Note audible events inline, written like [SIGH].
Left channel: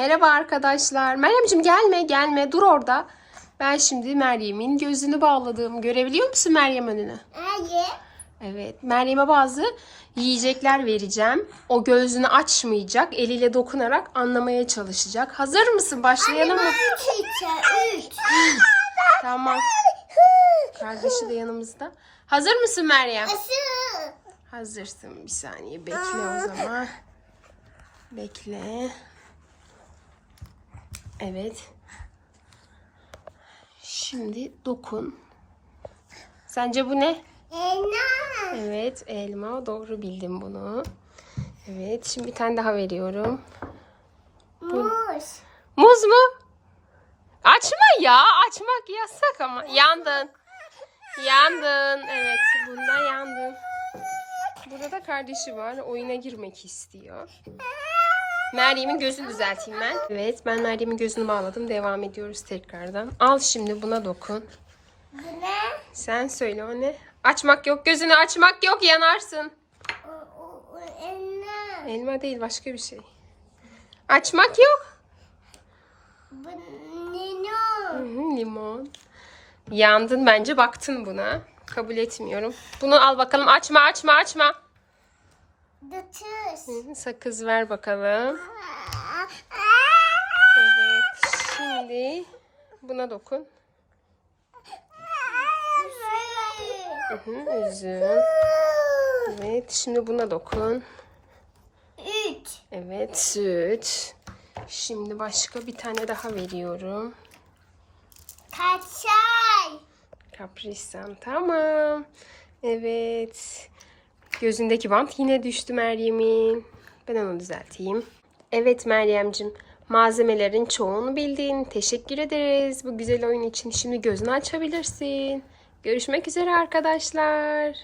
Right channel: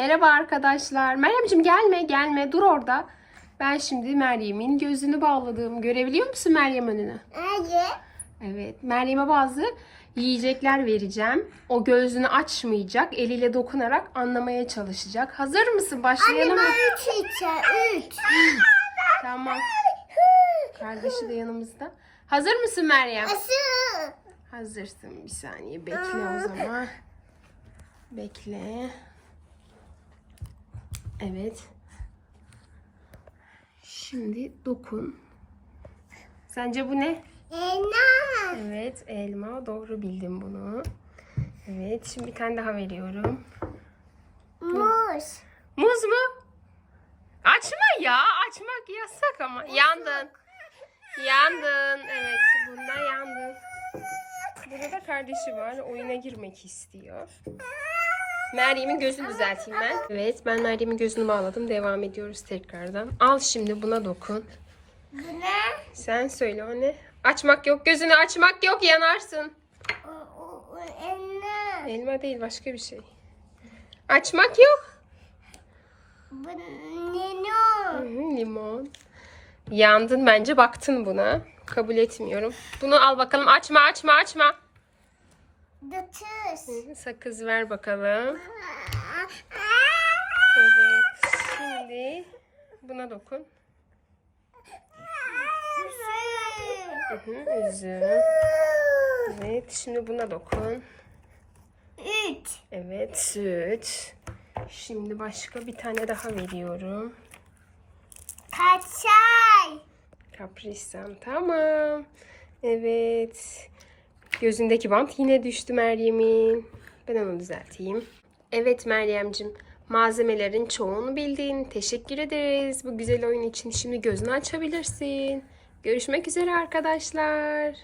Merhaba arkadaşlar. Meryemciğim gelme gelme dur orada. Ben şimdi Meryem'in gözünü bağladım. Görebiliyor musun Meryem önünü? Hayır. Evet. Meryem'e bazı yiyecekler vereceğim. O gözünü açmayacak. Eliyle dokunarak anlamaya çalışacak. Hazır mısın? Başlayalım mı? üç. Üç. [LAUGHS] Tamam. Kardeşi de yanımızda. Hazır mısın Meryem? Asıl. Hazırsın. Bir saniye bekle o zaman. Bekle. Evet. Şimdi dokun. Sence bu ne? Elma. Evet, elma. Doğru bildim bunu. Evet, şimdi bir tane daha veriyorum. Muz. Muz mu? Açma ya. Açmak yasak ama. Yandın. Yandın. Evet, bunda yandın. Burada da kardeşi var. Oyuna girmek istiyor. Meryem'in gözünü düzelteyim ben. Evet, ben Meryem'in gözünü bağladım. Devam ediyoruz tekrardan. Al şimdi buna dokun. Bu ne? Sen söyle o ne? Açmak yok. Gözünü açmak yok. Yanarsın. O, o, o elma. Elma değil başka bir şey. Açmak yok. Bu Hı hı, limon. Yandın bence baktın buna. Kabul etmiyorum. Bunu al bakalım. Açma açma açma. Hı, Sakız ver bakalım. Evet. Şimdi buna dokun. Üzüm. Evet. Şimdi buna dokun. Üç. Evet. Süt. Şimdi başka bir tane daha veriyorum. Kaçay. Kaprisan tamam. Evet. Gözündeki bant yine düştü Meryem'in. Ben onu düzelteyim. Evet Meryem'cim. Malzemelerin çoğunu bildin. Teşekkür ederiz bu güzel oyun için. Şimdi gözünü açabilirsin. Görüşmek üzere arkadaşlar.